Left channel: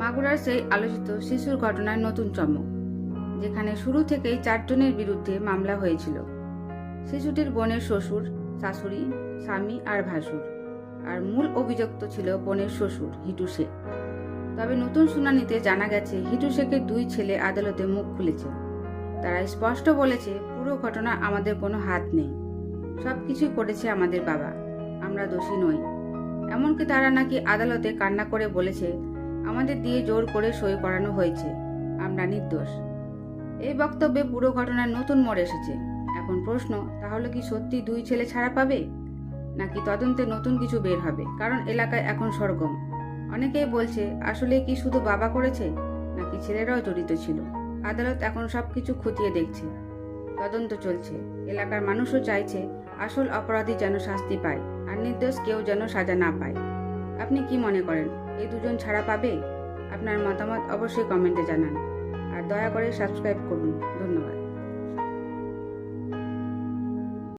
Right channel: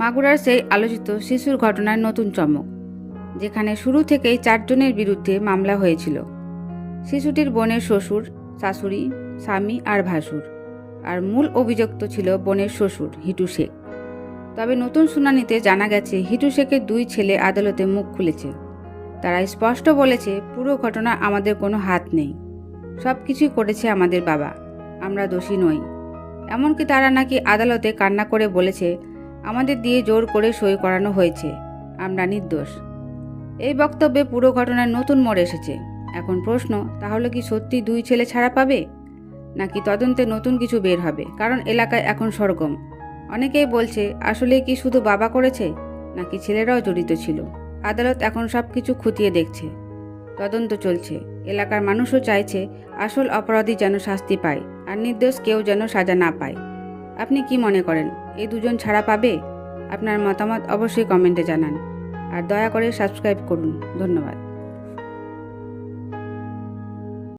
মাগুরার সেই আলোচিত শিশুর ঘটনার নতুন চমক, যেখানে শুরু থেকেই 4 জনের বিরুদ্ধে মামলা হয়েছিল। শিশুটির বোনের শ্বশুর, শাশুড়ি, স্বামী আর ভাসুর। আর মূল অভিযুক্ত ছিল বোনের শ্বশুর হিটু শেখ। তবে নতুন শুনানিতে জানা গেছে হিটু শেখের 2 ছেলে আদালতে মুখ খুলেছে। তারা স্পষ্ট বলেছে, পুরো ঘটনা আমাদের কোনো হাত নেই, সব কিছুই করেছে আমাদের বাবা, আমরা দোষী নই। এমনকি তারা নাকি আদালতে কান্না করে বলেছে, আমাদের দিয়ে জোর করে সই করানো হয়েছে, আমরা নির্দোষ। এই বক্তব্যে পুরো ঘটনার নতুন মোড় এসেছে। এখন প্রশ্ন, তাহলে কি সত্যি 2 ছেলে ছাড়া পাবে, নাকি তদন্তে নতুন কিছু বের হবে? কারণ এলাকায় এখন সরগম। অনেকেই বলছে, আসলে কি শুধু বাবা করেছে, নাকি ছেলেরাও জড়িত ছিল? আদালত এখন সব কিছু খতিয়ে দেখছে, তদন্ত চলছে। এলাকার মানুষও চাইছে আসল অপরাধী যেন শাস্তি পায়, আর নির্দোষ কেউ যেন সাজা না পায়। আপনি কি মনে করেন, এই 2 জন ছাড়া পাবে? আপনার মতামত অবশ্যই কমেন্টে জানান, আর দয়া করে সাবস্ক্রাইব করুন। ধন্যবাদ।